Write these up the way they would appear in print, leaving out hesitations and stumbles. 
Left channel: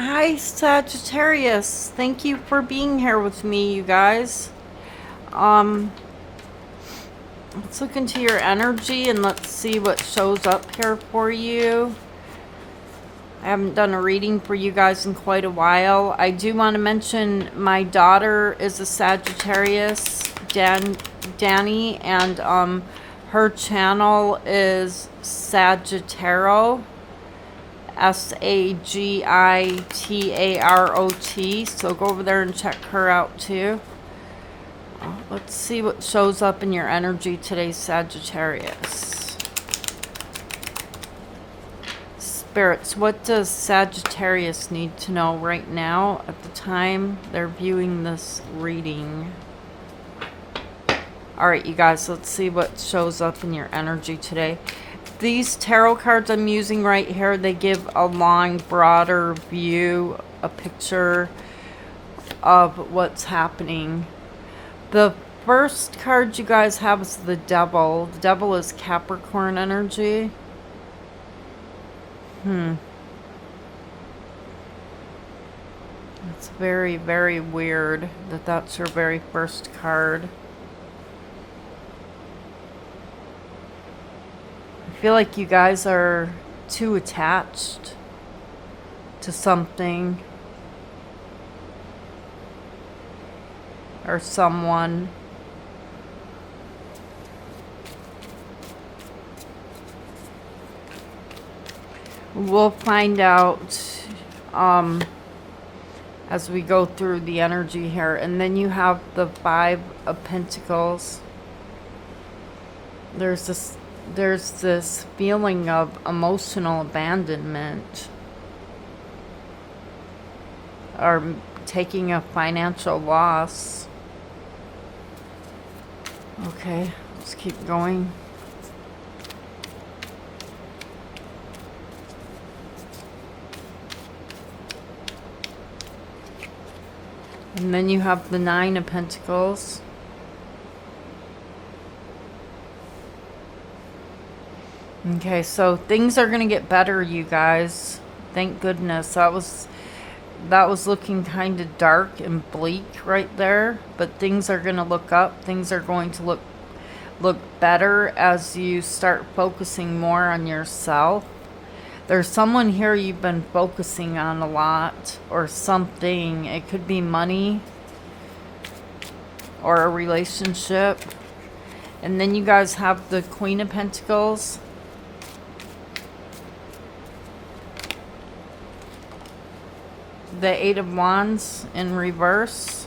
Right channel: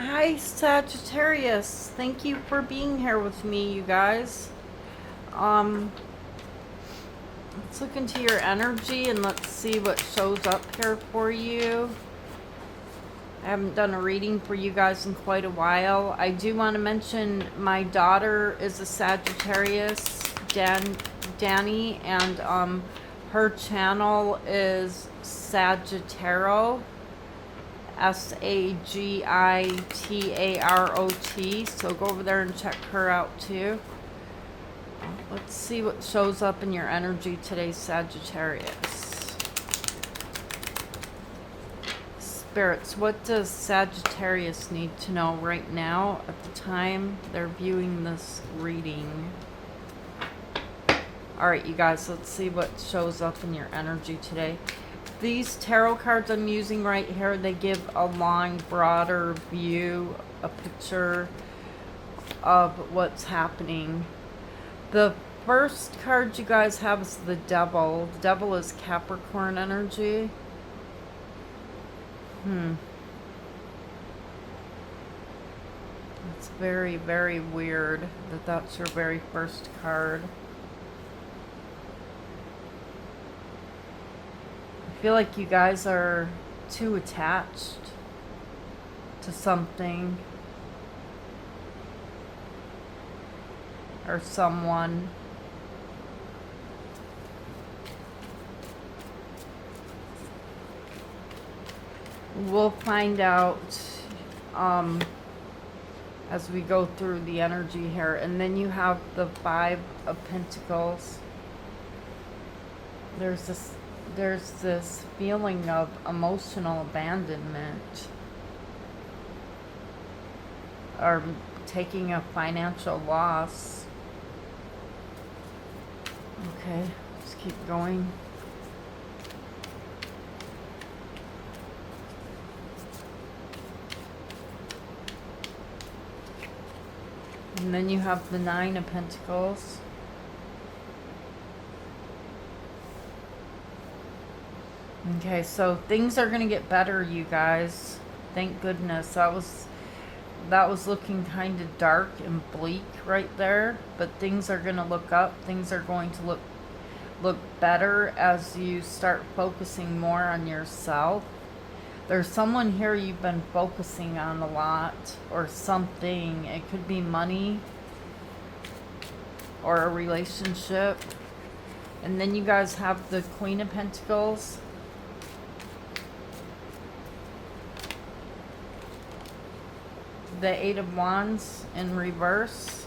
Hi, Sagittarius. Thank you for being here with me, you guys. Um, let's look into your energy and let's see what shows up here for you. I haven't done a reading for you guys in quite a while. I do want to mention my daughter is a Sagittarius, Danny, and her channel is Sagittaro. Sagitarot. So go over there and check her out too. Let's see what shows up in your energy today, Sagittarius. Spirits, what does Sagittarius need to know right now at the time they're viewing this reading? Alright, you guys, let's see what shows up in your energy today. These tarot cards I'm using right here, they give a long, broader view, a picture of what's happening. The first card you guys have is the Devil. The Devil is Capricorn energy. It's very, very weird that that's your very first card. I feel like you guys are too attached to something or someone. We'll find out as we go through the energy here. And then you have the Five of Pentacles. There's this feeling of emotional abandonment or taking a financial loss. Okay, let's keep going. And then you have the Nine of Pentacles. Okay, so things are going to get better, you guys. Thank goodness. That was looking kind of dark and bleak right there, but things are going to look up. Things are going to look better as you start focusing more on yourself. There's someone here you've been focusing on a lot or something. It could be money or a relationship. And then you guys have the Queen of Pentacles. The Eight of Wands in reverse.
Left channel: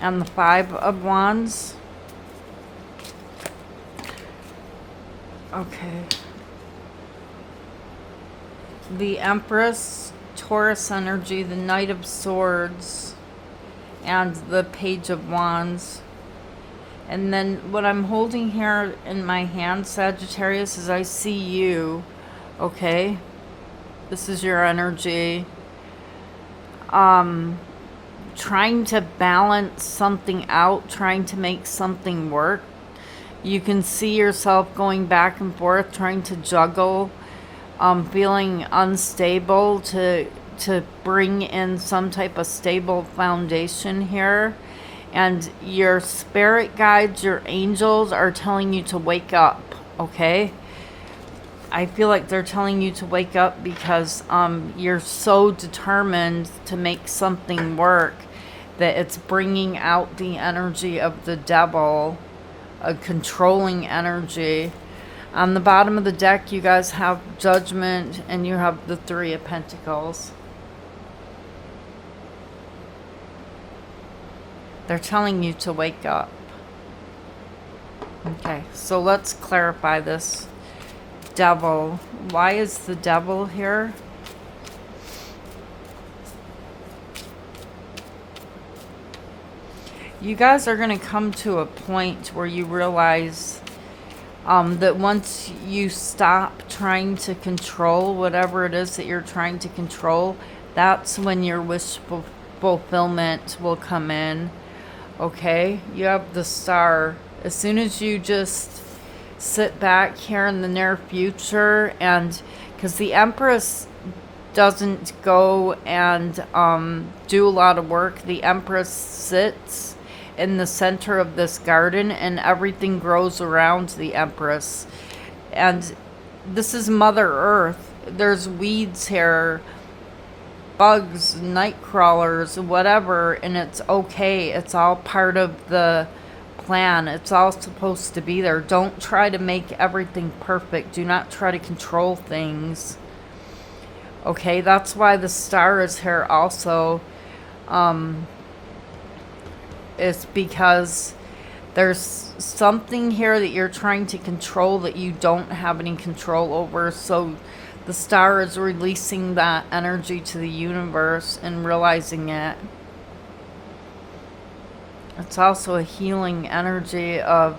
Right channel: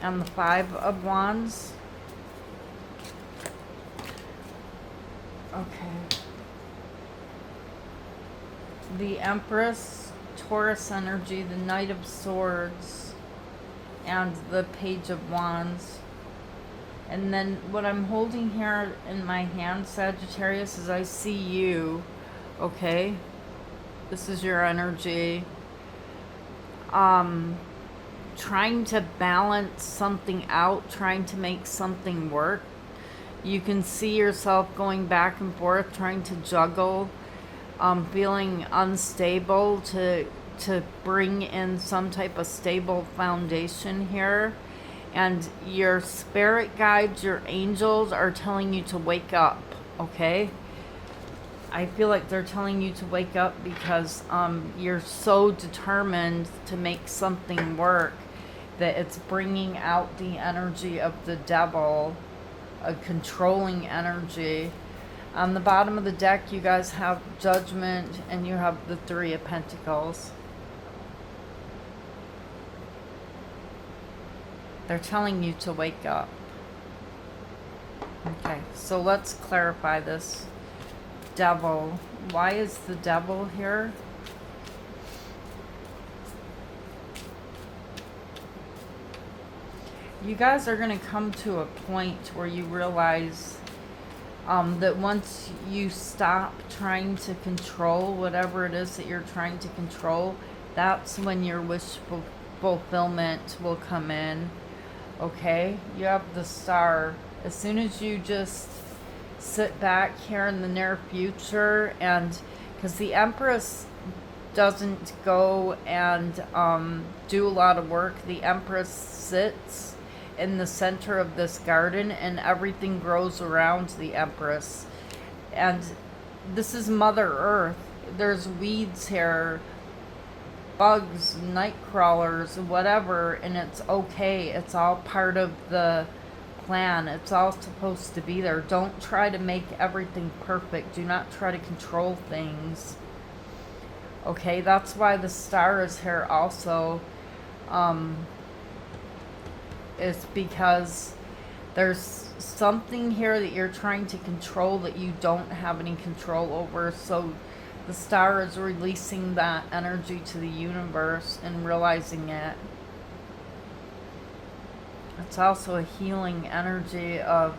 And the Five of Wands. Okay. The Empress, Taurus energy, the Knight of Swords, and the Page of Wands. And then what I'm holding here in my hand, Sagittarius, is I see you, okay? This is your energy. Trying to balance something out, trying to make something work. You can see yourself going back and forth, trying to juggle, feeling unstable to bring in some type of stable foundation here. And your spirit guides, your angels are telling you to wake up, okay? I feel like they're telling you to wake up because you're so determined to make something work that it's bringing out the energy of the Devil, a controlling energy. On the bottom of the deck, you guys have Judgment and you have the Three of Pentacles. They're telling you to wake up. Okay, so let's clarify this. Devil. Why is the Devil here? You guys are going to come to a point where you realize that once you stop trying to control whatever it is that you're trying to control, that's when your wish fulfillment will come in. Okay? You have the Star. As soon as you just sit back here in the near future, and because the Empress doesn't go and do a lot of work. The Empress sits in the center of this garden, and everything grows around the Empress. And this is Mother Earth. There's weeds here, bugs, night crawlers, whatever, and it's okay. It's all part of the plan. It's all supposed to be there. Don't try to make everything perfect. Do not try to control things. Okay, that's why the star is here also. It's because there's something here that you're trying to control that you don't have any control over. So the star is releasing that energy to the universe and realizing it. It's also a healing energy of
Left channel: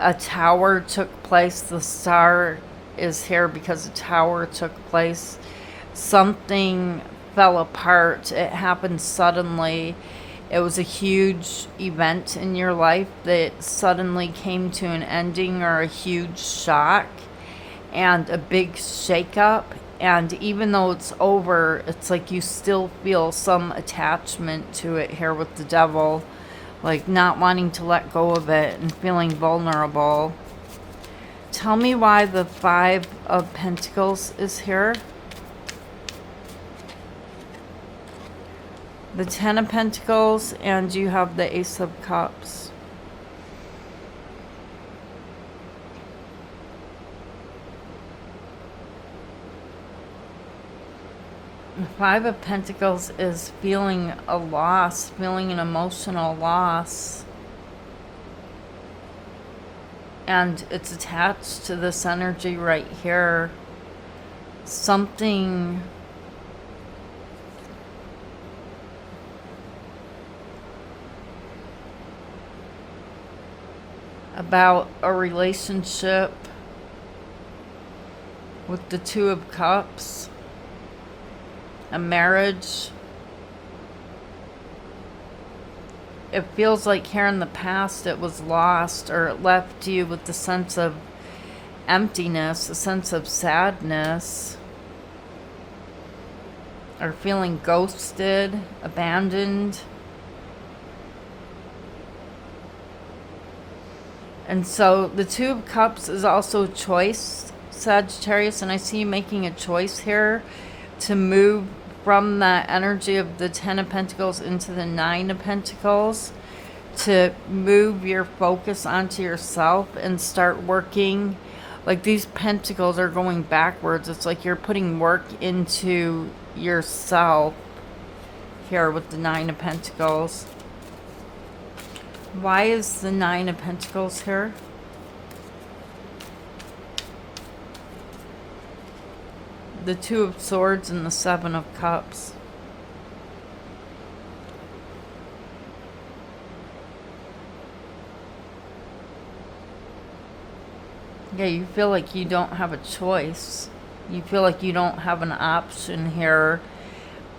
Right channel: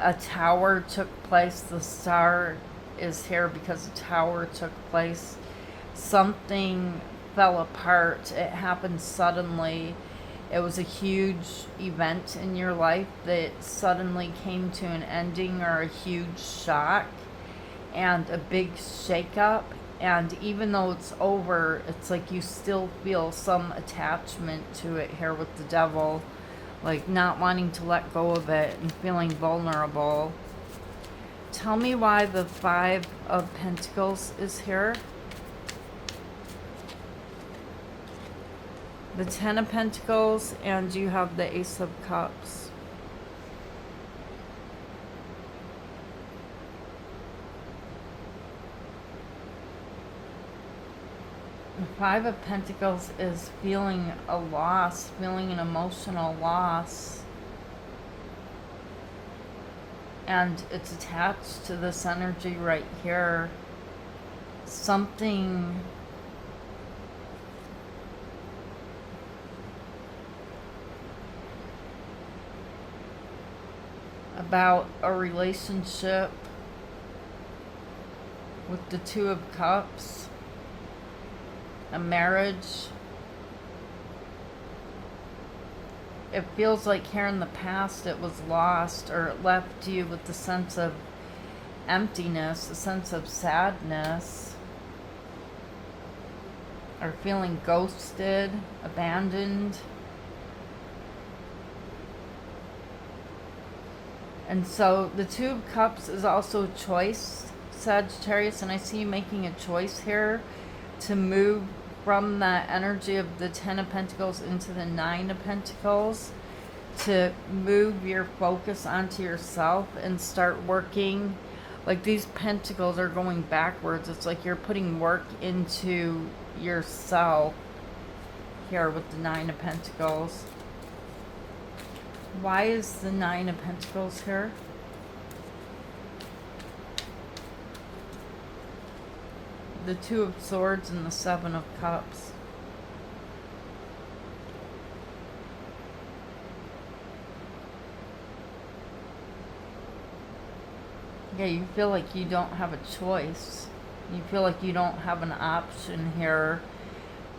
a tower took place. The star is here because a tower took place. Something fell apart. It happened suddenly. It was a huge event in your life that suddenly came to an ending, or a huge shock and a big shakeup. And even though it's over, it's like you still feel some attachment to it here with the Devil, like not wanting to let go of it and feeling vulnerable. Tell me why the Five of Pentacles is here. The Ten of Pentacles, and you have the Ace of Cups. The Five of Pentacles is feeling a loss, feeling an emotional loss. And it's attached to this energy right here. Something about a relationship with the Two of Cups, a marriage. It feels like here in the past it was lost, or it left you with the sense of emptiness, a sense of sadness, or feeling ghosted, abandoned. And so the Two of Cups is also choice, Sagittarius, and I see you making a choice here to move from that energy of the Ten of Pentacles into the Nine of Pentacles, to move your focus onto yourself and start working. Like these pentacles are going backwards. It's like you're putting work into yourself here with the Nine of Pentacles. Why is the Nine of Pentacles here? The Two of Swords and the Seven of Cups. Yeah, you feel like you don't have a choice. You feel like you don't have an option here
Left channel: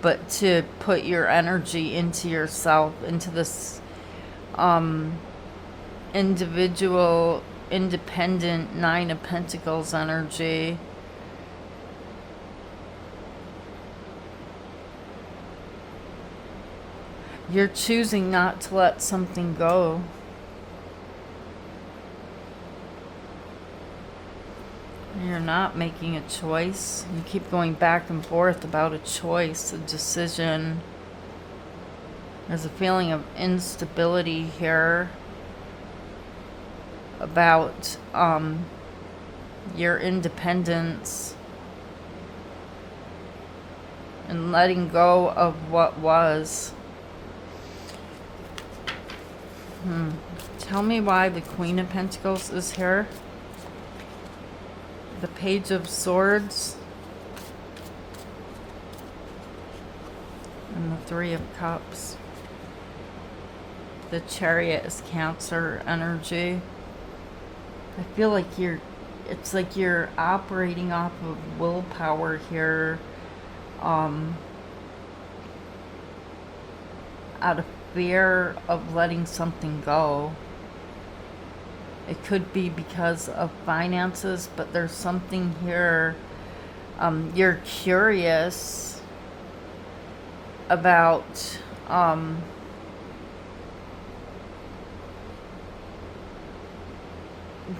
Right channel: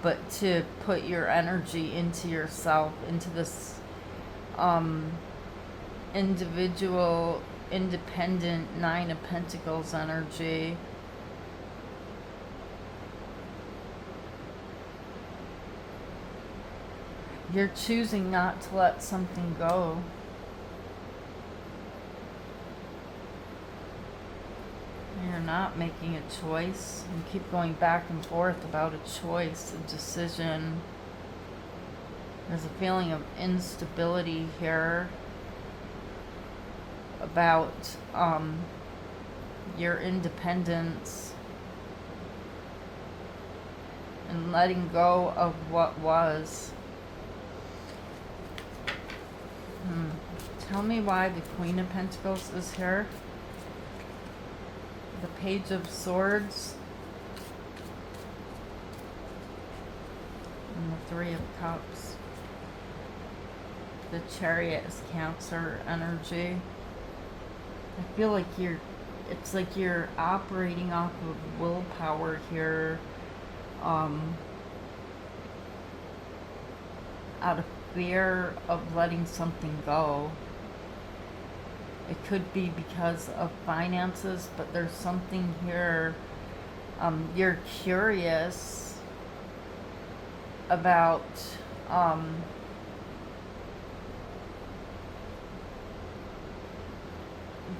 but to put your energy into yourself, into this individual, independent Nine of Pentacles energy. You're choosing not to let something go. You're not making a choice. You keep going back and forth about a choice, a decision. There's a feeling of instability here about your independence and letting go of what was. Tell me why the Queen of Pentacles is here. The Page of Swords. And the Three of Cups. The Chariot is Cancer energy. I feel like it's like you're operating off of willpower here. Out of fear of letting something go. It could be because of finances, but there's something here You're curious about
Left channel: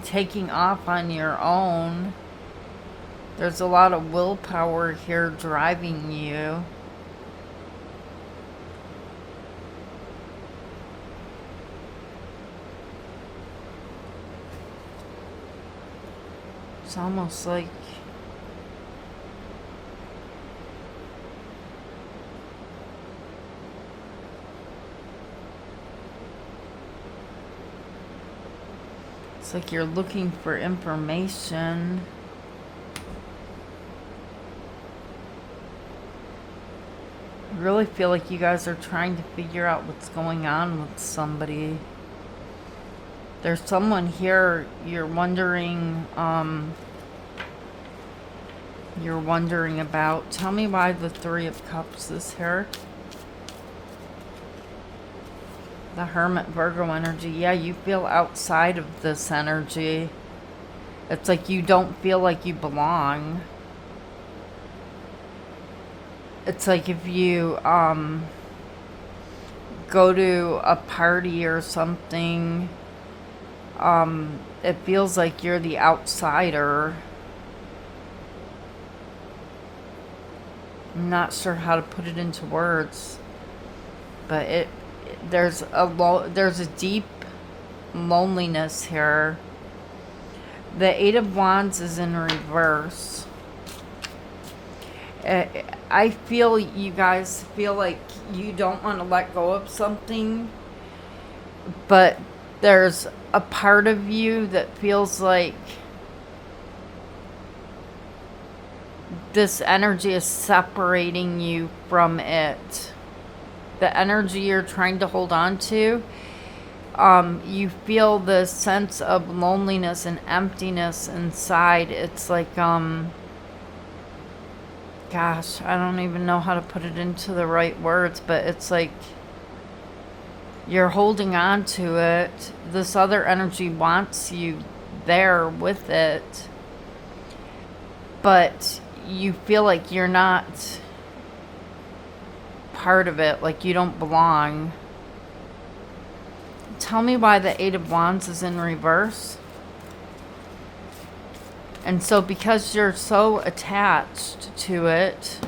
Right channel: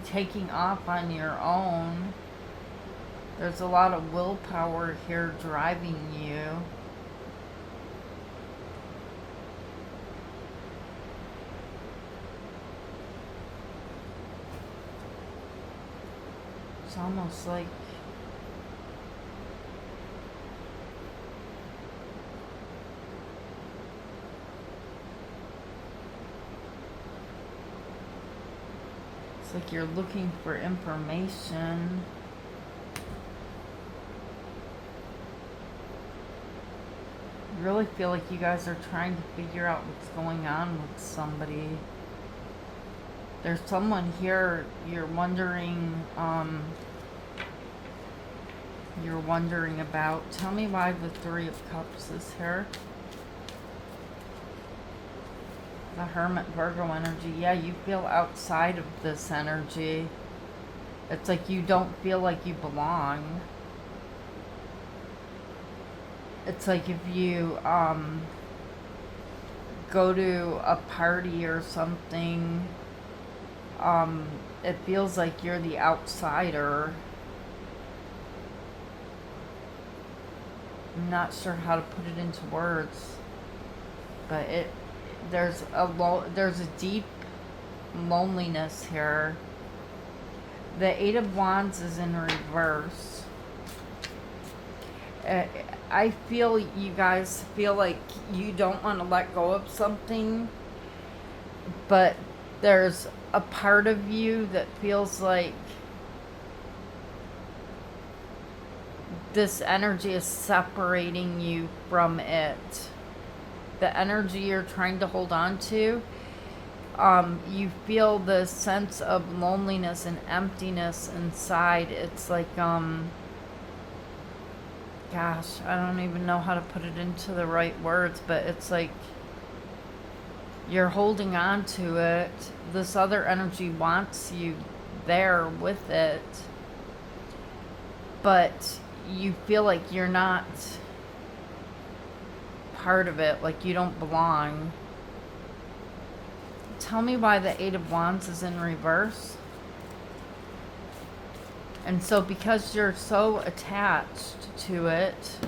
taking off on your own. There's a lot of willpower here driving you. It's almost like you're looking for information. I really feel like you guys are trying to figure out what's going on with somebody. There's someone here you're wondering about. Tell me why the Three of Cups is here. The Hermit, Virgo energy. Yeah, you feel outside of this energy. It's like you don't feel like you belong. It's like if you go to a party or something, it feels like you're the outsider. I'm not sure how to put it into words, but there's a deep loneliness here. The Eight of Wands is in reverse. I feel you guys feel like you don't want to let go of something, but there's a part of you that feels like this energy is separating you from it. The energy you're trying to hold on to, you feel the sense of loneliness and emptiness inside. It's like, gosh, I don't even know how to put it into the right words, but it's like you're holding on to it. This other energy wants you there with it, but you feel like you're not part of it, like you don't belong. Tell me why the Eight of Wands is in reverse. And so because you're so attached to it,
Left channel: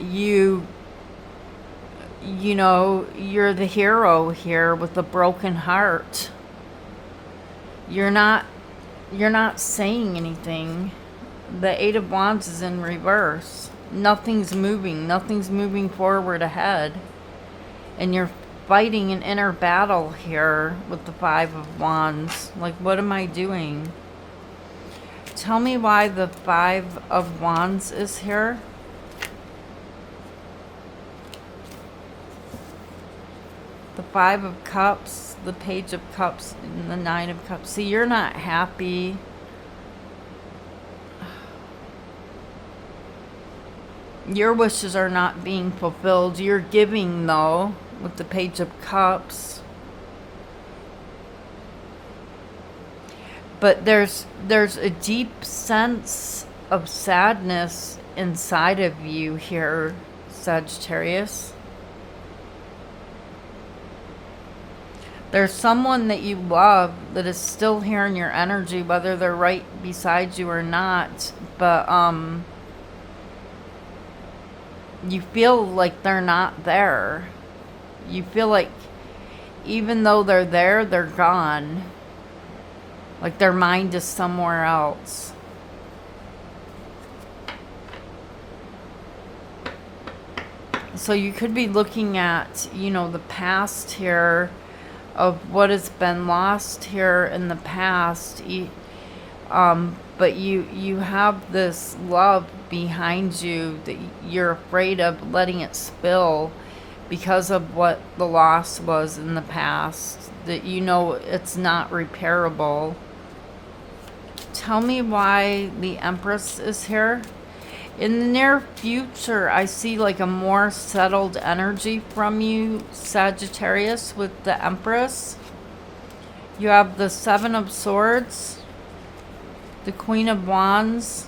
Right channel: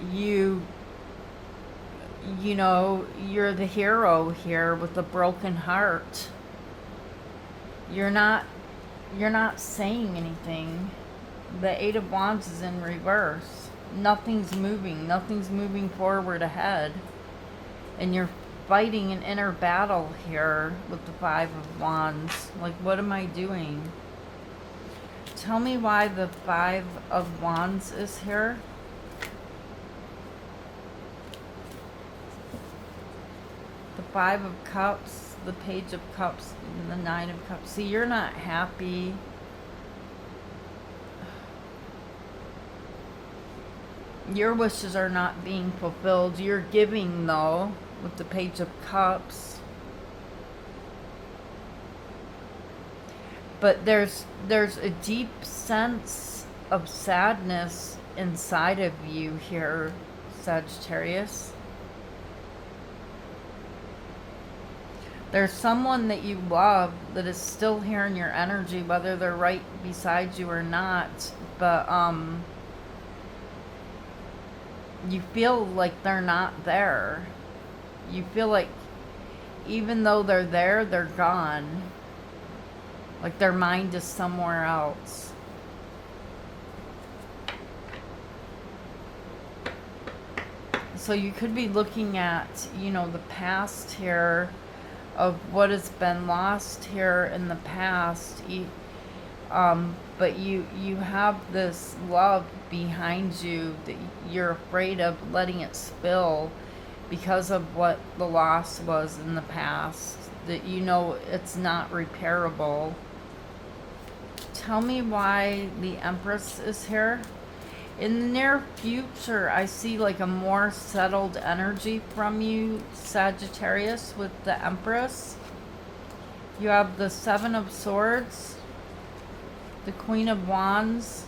you know, you're the hero here with a broken heart. You're not saying anything. The Eight of Wands is in reverse. Nothing's moving forward ahead. And you're fighting an inner battle here with the Five of Wands. Like, what am I doing? Tell me why the Five of Wands is here. The Five of Cups, the Page of Cups, and the Nine of Cups. See, you're not happy. Your wishes are not being fulfilled. You're giving, though, with the Page of Cups. But there's a deep sense of sadness inside of you here, Sagittarius. There's someone that you love that is still here in your energy, whether they're right beside you or not. But you feel like they're not there. You feel like even though they're there, they're gone. Like their mind is somewhere else. So you could be looking at, you know, the past here of what has been lost here in the past. But you have this love behind you that you're afraid of letting it spill because of what the loss was in the past, that you know it's not repairable. Tell me why the Empress is here. In the near future, I see like a more settled energy from you, Sagittarius, with the Empress. You have the Seven of Swords. the Queen of Wands,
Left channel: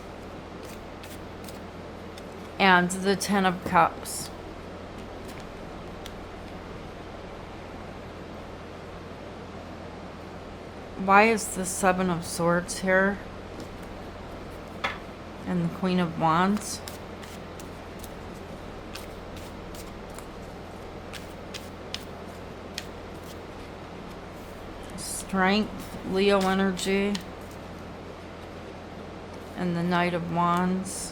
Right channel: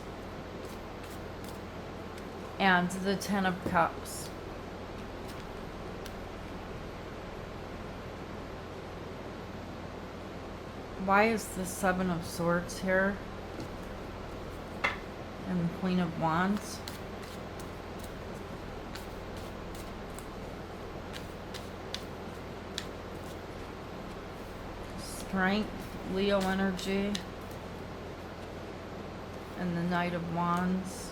and the Ten of Cups. Why is the Seven of Swords here? And the Queen of Wands? Strength, Leo energy, and the Knight of Wands.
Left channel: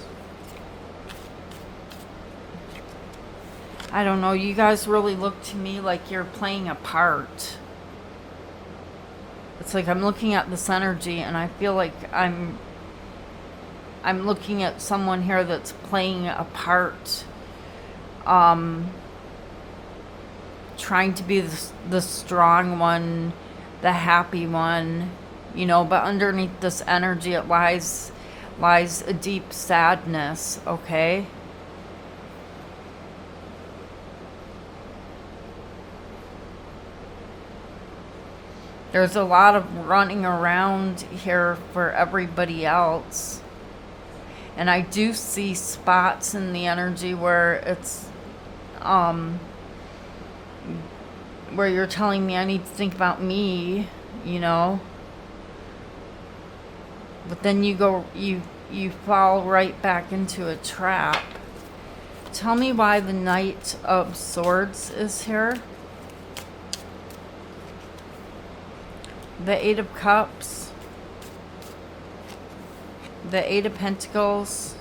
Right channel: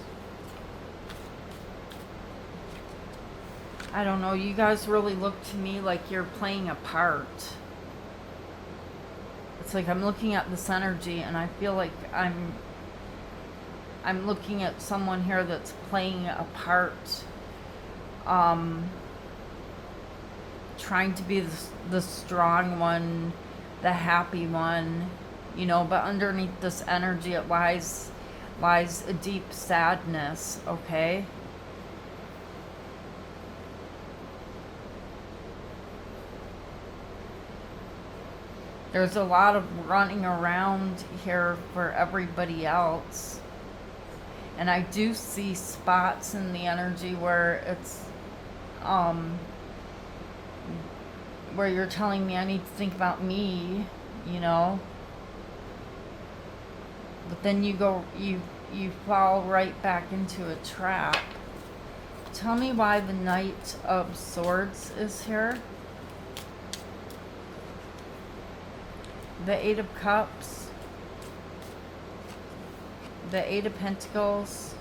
I don't know, you guys really look to me like you're playing a part. It's like I'm looking at this energy and I feel like I'm looking at someone here that's playing a part, trying to be the strong one, the happy one, you know, but underneath this energy it lies a deep sadness, okay? There's a lot of running around here for everybody else. And I do see spots in the energy where it's, where you're telling me I need to think about me, you know. But then you fall right back into a trap. Tell me why the Knight of Swords is here. The Eight of Cups, the Eight of Pentacles,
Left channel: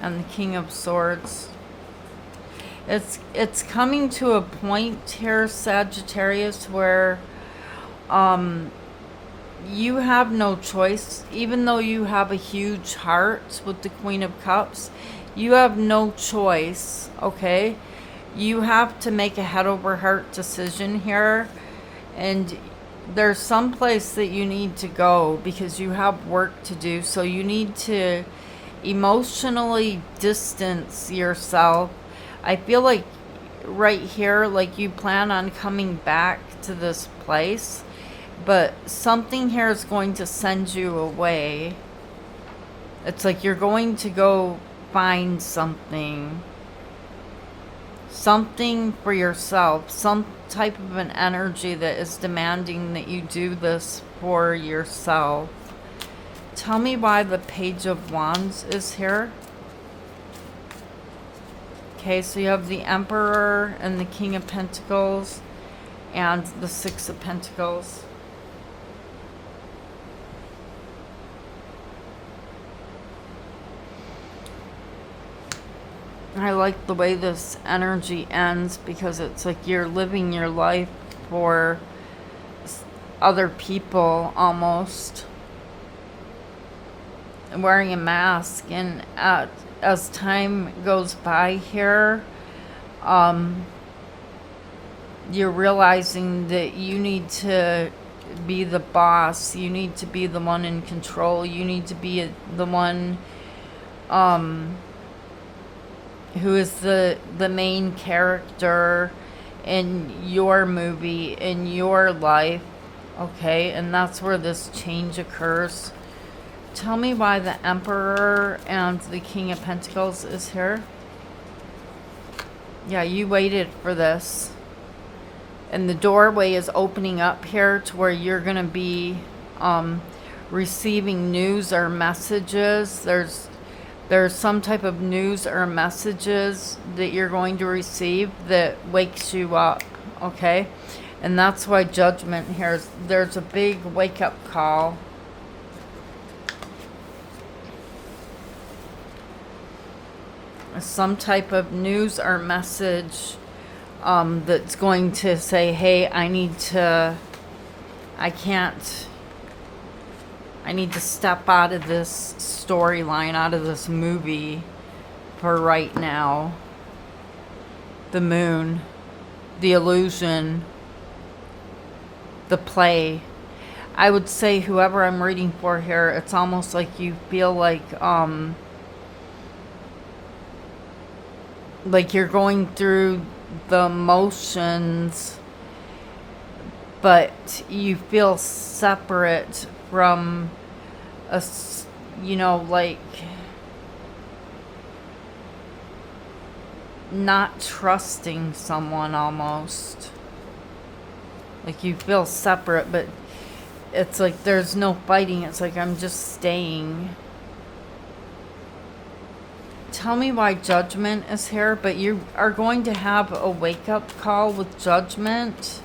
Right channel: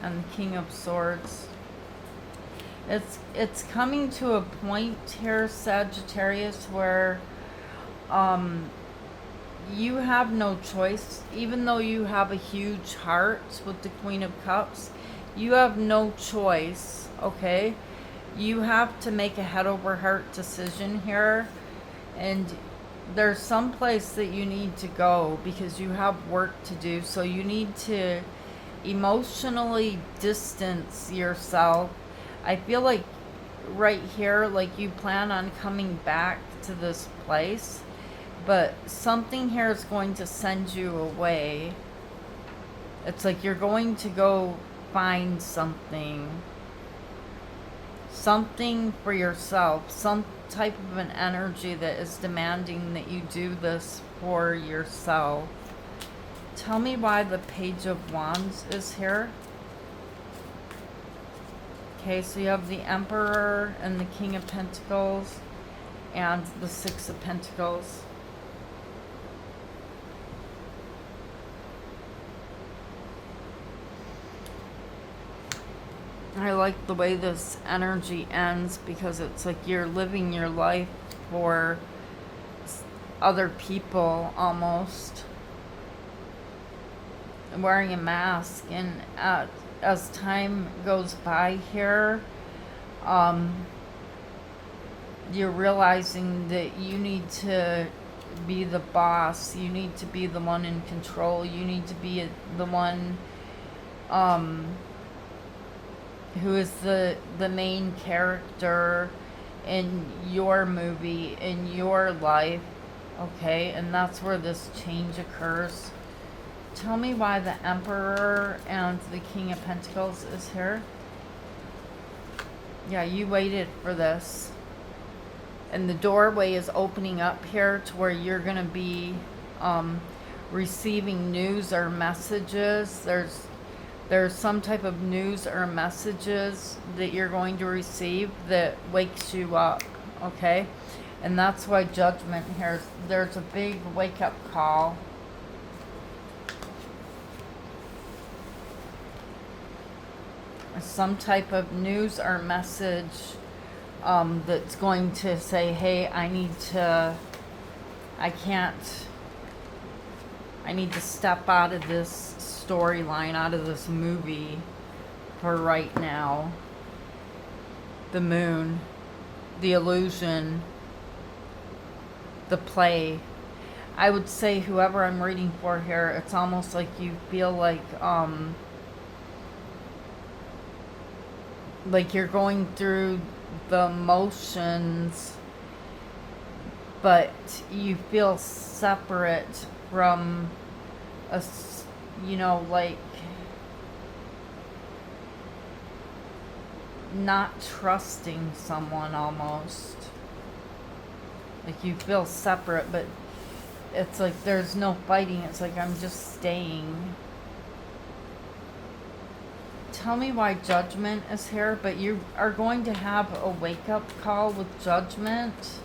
and the King of Swords. It's coming to a point here, Sagittarius, where you have no choice. Even though you have a huge heart with the Queen of Cups, you have no choice, okay? You have to make a head over heart decision here. And there's some place that you need to go because you have work to do. So you need to emotionally distance yourself. I feel like right here, like you plan on coming back to this place, but something here is going to send you away. It's like you're going to go find something for yourself, some type of an energy that is demanding that you do this for yourself. Tell me why the Page of Wands is here. Okay, so you have the Emperor and the King of Pentacles and the Six of Pentacles. I like the way this energy ends because it's like you're living your life for other people almost. Wearing a mask, and as time goes by here, you're realizing that you need to be the boss. You need to be the one in control. You need to be the one who is the main character in your movie, in your life, okay? And that's where this change occurs. Tell me why the Emperor and the King of Pentacles is here. Yeah, you waited for this. And the doorway is opening up here to where you're going to be receiving news or messages. There's some type of news or messages that you're going to receive that wakes you up, okay? And that's why Judgment here, there's a big wake-up call. Some type of news or message that's going to say, hey, I need to step out of this storyline, out of this movie for right now. The moon, the illusion, the play. I would say whoever I'm reading for here, it's almost like you feel like you're going through the motions, but you feel separate from you know, like not trusting someone almost. Like you feel separate, but it's like there's no fighting. It's like I'm just staying. Tell me why Judgment is here, but you are going to have a wake-up call with Judgment.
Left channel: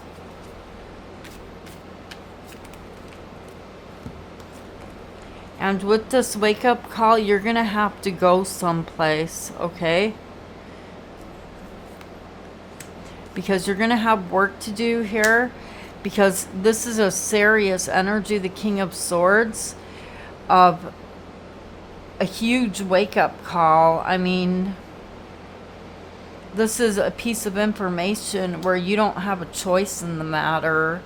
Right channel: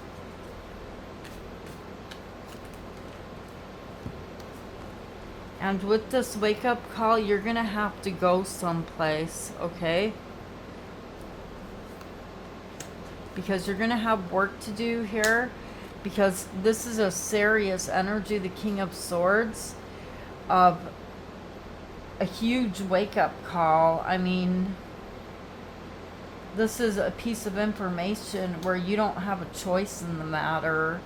And with this wake-up call, you're going to have to go someplace, okay? Because you're going to have work to do here. Because this is a serious energy, the King of Swords, of a huge wake-up call. I mean, this is a piece of information where you don't have a choice in the matter,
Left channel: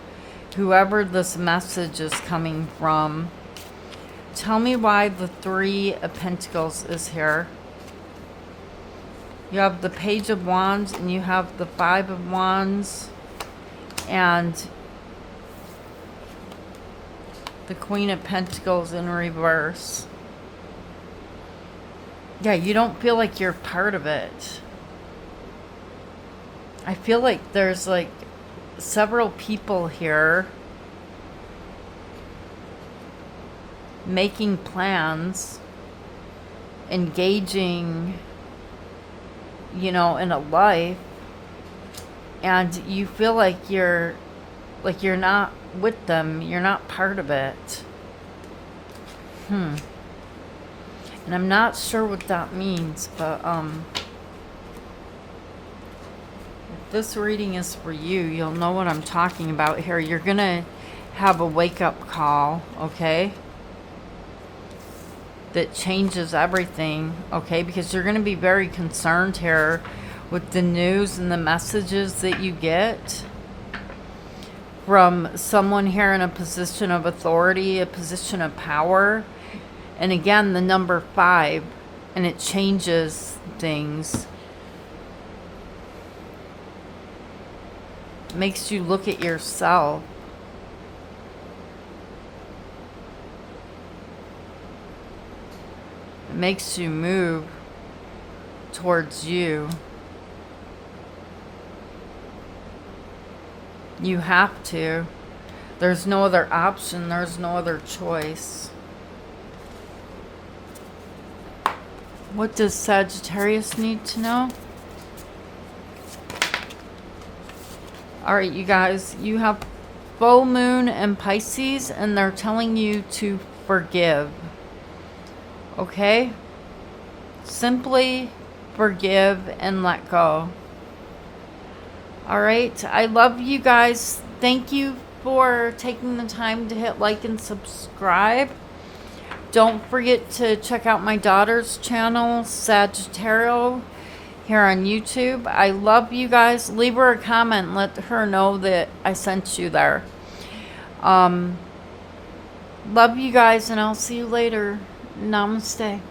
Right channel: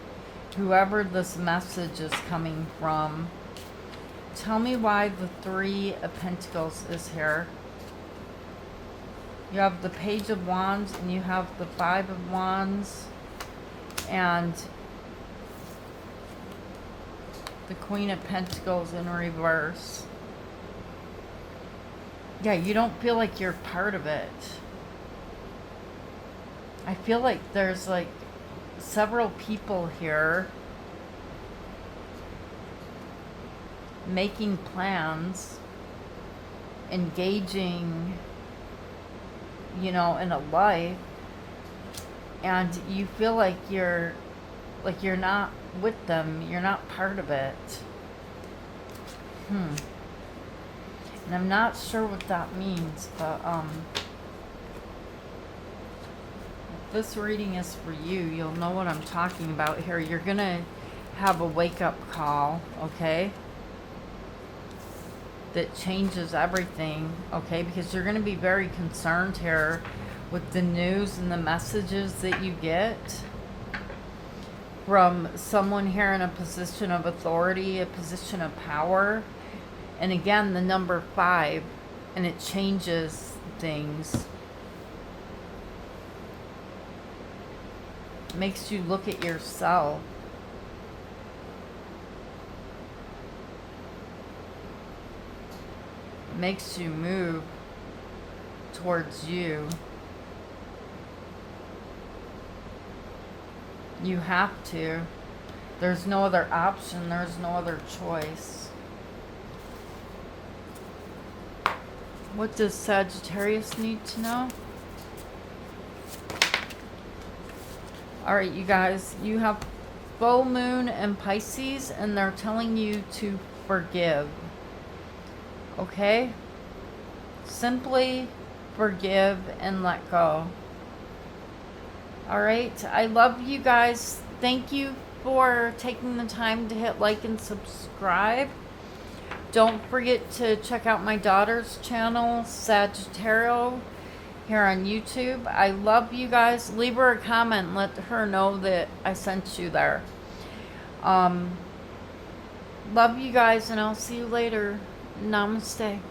whoever this message is coming from. Tell me why the Three of Pentacles is here. You have the Page of Wands and you have the Five of Wands and the Queen of Pentacles in reverse. Yeah, you don't feel like you're part of it. I feel like there's like several people here making plans, engaging, you know, in a life, and you feel like you're not with them, you're not part of it. And I'm not sure what that means, but if this reading is for you, you'll know what I'm talking about here. You're gonna have a wake-up call, okay? That changes everything, okay? Because you're gonna be very concerned here with the news and the messages that you get from someone here in a position of authority, a position of power. And again, the number 5, and it changes things. It makes you look at yourself. It makes you move towards you. You have to. There's no other option. There's no other choice. What does Sagittarius need to know? Alright, you guys. You have full moon and Pisces, and they're telling you to forgive. Okay? Simply forgive and let go. Alright, I love you guys. Thank you for taking the time to hit like and subscribe. Don't forget to check out my daughter's channel, Sagittarius, here on YouTube. I love you guys. Leave her a comment. Let her know that I sent you there. Love you guys, and I'll see you later. Namaste.